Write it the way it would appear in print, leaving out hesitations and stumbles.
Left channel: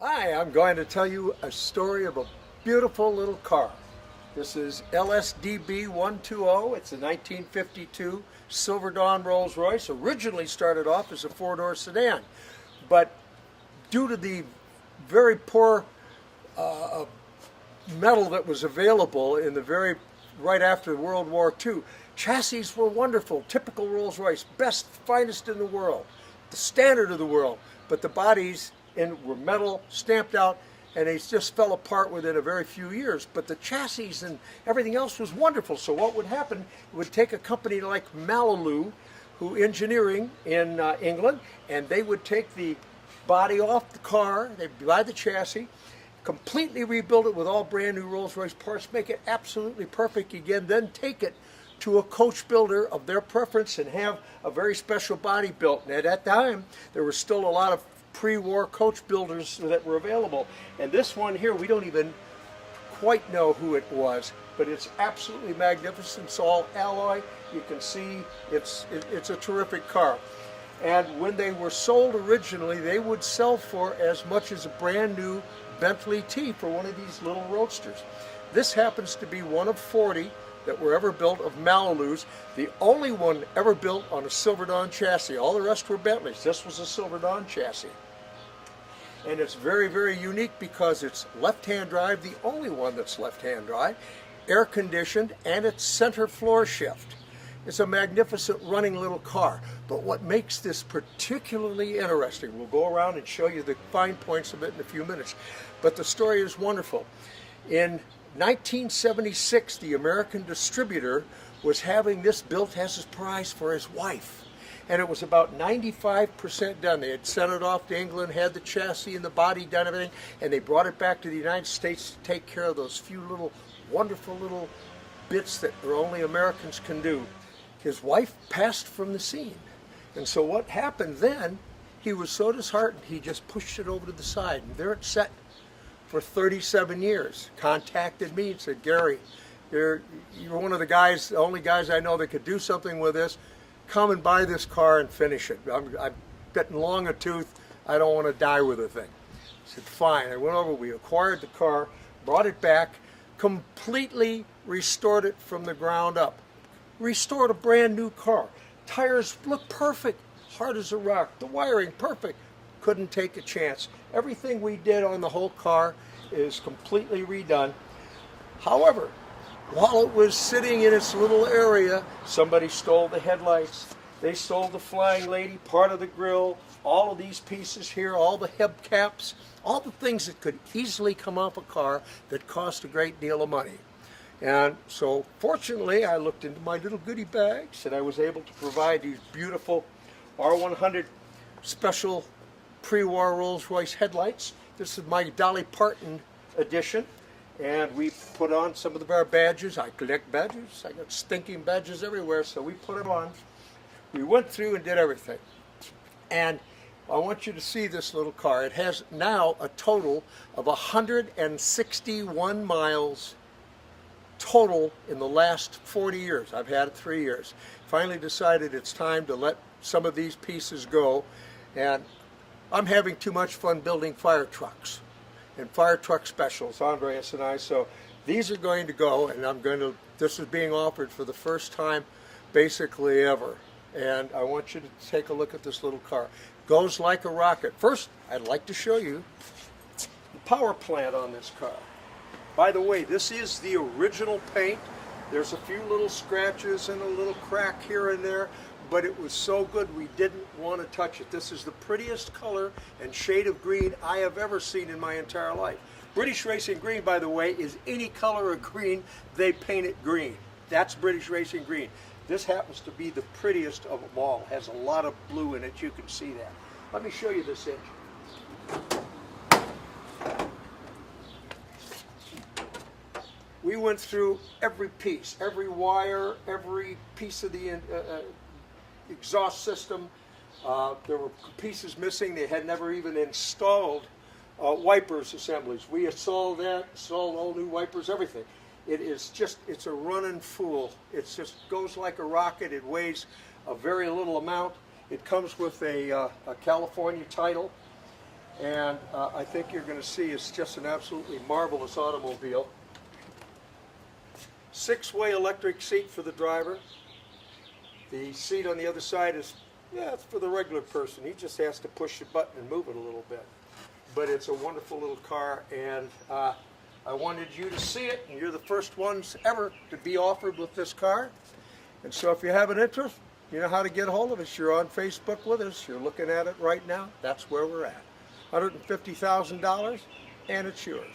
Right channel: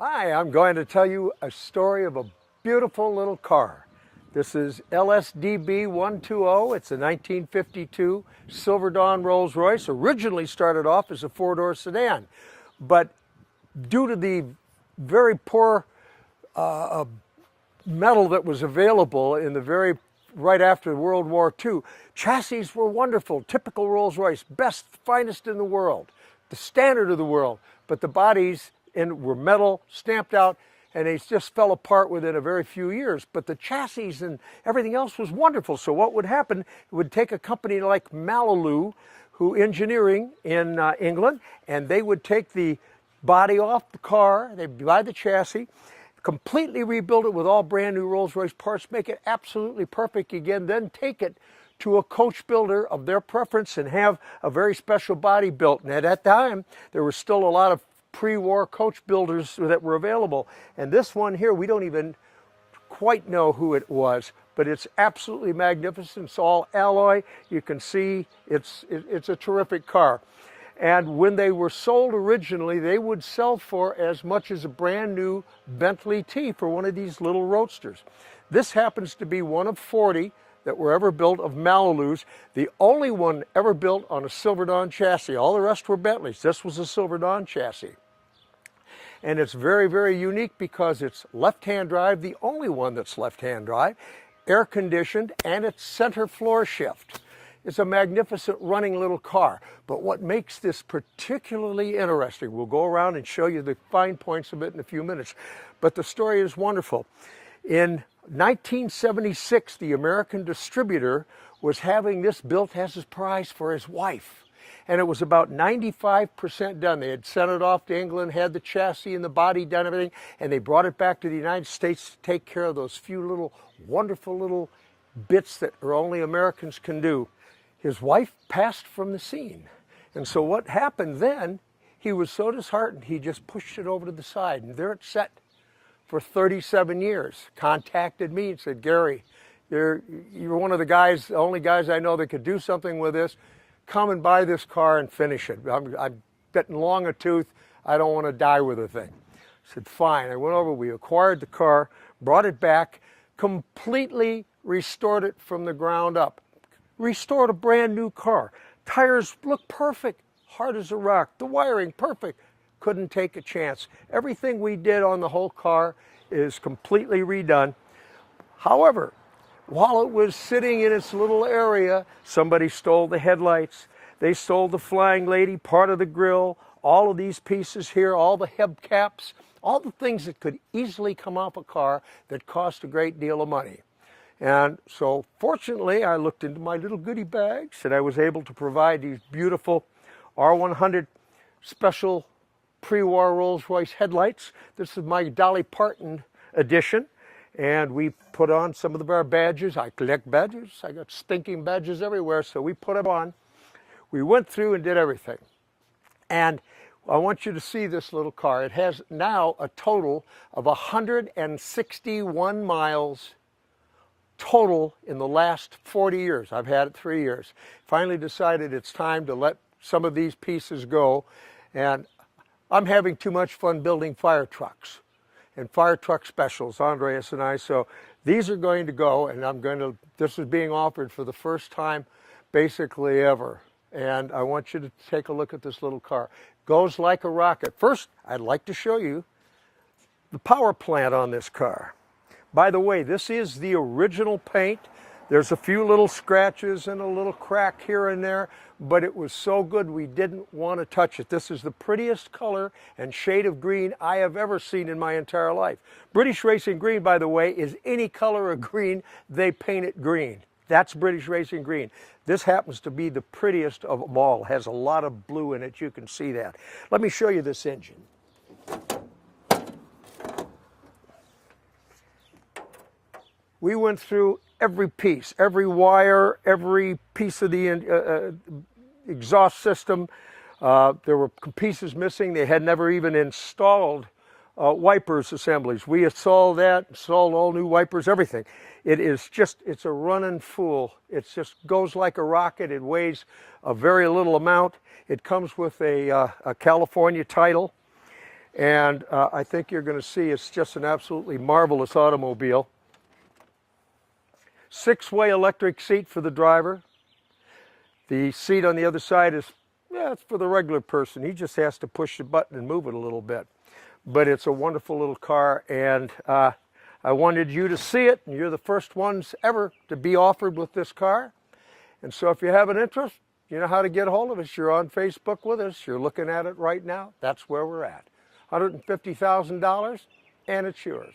Hi, I'm going to tell you a story of a beautiful little car. This is LSDB 120. It's a 1952 Silver Dawn Rolls Royce. Originally started off as a four-door sedan, but due to the very poor metal that was available in the right after World War II, chassis were wonderful, typical Rolls Royce, best, finest in the world, the standard of the world, but the bodies were metal, stamped out, and they just fell apart within a very few years. But the chassis and everything else was wonderful. So what would happen, it would take a company like McLaughlin, who engineering in England, and they would take the body off the car, they'd buy the chassis, completely rebuild it with all brand new Rolls-Royce parts, make it absolutely perfect again, then take it to a coach builder of their preference and have a very special body built. And at that time, there was still a lot of pre-war coach builders that were available. And this one here, we don't even quite know who it was, but it's absolutely magnificent. It's all alloy. You can see it's a terrific car. And when they were sold originally, they would sell for as much as a brand new Bentley T for one of these little roadsters. This happens to be one of 40 that were ever built of Malibu's, the only one ever built on a Silver Dawn chassis. All the rest were Bentleys. This was a Silver Dawn chassis. And it's very, very unique because it's left-hand drive, the only one that's left-hand drive, air-conditioned, and it's center floor shift. It's a magnificent running little car. But what makes this particularly interesting, we'll go around and show you the fine points of it in a few minutes, but the story is wonderful. In 1976, the American distributor was having this built as his prize for his wife. And it was about 95% done. They had sent it off to England, had the chassis and the body done, everything, and they brought it back to the United States to take care of those few little, wonderful little bits that only Americans can do. His wife passed from the scene. And so what happened then, he was so disheartened, he just pushed it over to the side, and there it sat for 37 years. Contacted me and said, Gary, you're one of the guys, the only guys I know that could do something with this. Come and buy this car and finish it. I'm getting long a tooth. I don't want to die with the thing. I said, fine. I went over, we acquired the car, brought it back, completely restored it from the ground up. Restored a brand new car. Tires look perfect, hard as a rock. The wiring, perfect. Couldn't take a chance. Everything we did on the whole car is completely redone. However, while it was sitting in its little area, somebody stole the headlights, they stole the flying lady, part of the grill, all of these pieces here, all the hubcaps, all the things that could easily come off a car that cost a great deal of money. And so fortunately, I looked into my little goodie bags and I was able to provide these beautiful R100 special pre-war Rolls-Royce headlights. This is my Dolly Parton edition. And we put on some of our badges. I collect badges. I got stinking badges everywhere, so we put them on. We went through and did everything. And I want you to see this little car. It has now a total of 161 miles total in the last 40 years. I've had it 3 years. Finally decided it's time to let some of these pieces go. And I'm having too much fun building fire trucks and fire truck specials, Andreas and I. So these are going to go, and this is being offered for the first time basically ever. And I want you to take a look at this little car. Goes like a rocket. First, I'd like to show you the power plant on this car. By the way, this is the original paint. There's a few little scratches and a little crack here and there, but it was so good we didn't want to touch it. This is the prettiest color and shade of green I have ever seen in my entire life. British Racing Green, by the way, is any color of green, they paint it green. That's British Racing Green. This happens to be the prettiest of them all. It has a lot of blue in it, you can see that. Let me show you this engine. We went through every piece, every wire, every piece of the exhaust system. There were pieces missing. They had never even installed wipers assemblies. We installed that, installed all new wipers, everything. It's a running fool. It just goes like a rocket. It weighs a very little amount. It comes with a California title. And I think you're going to see it's just an absolutely marvelous automobile. 6-way electric seat for the driver. The seat on the other side is, yeah, it's for the regular person. He just has to push the button and move it a little bit. But it's a wonderful little car, and I wanted you to see it, and you're the first ones ever to be offered with this car. And so if you have an interest, you know how to get a hold of us. You're on Facebook with us. You're looking at it right now. That's where we're at. $150,000, and it's yours.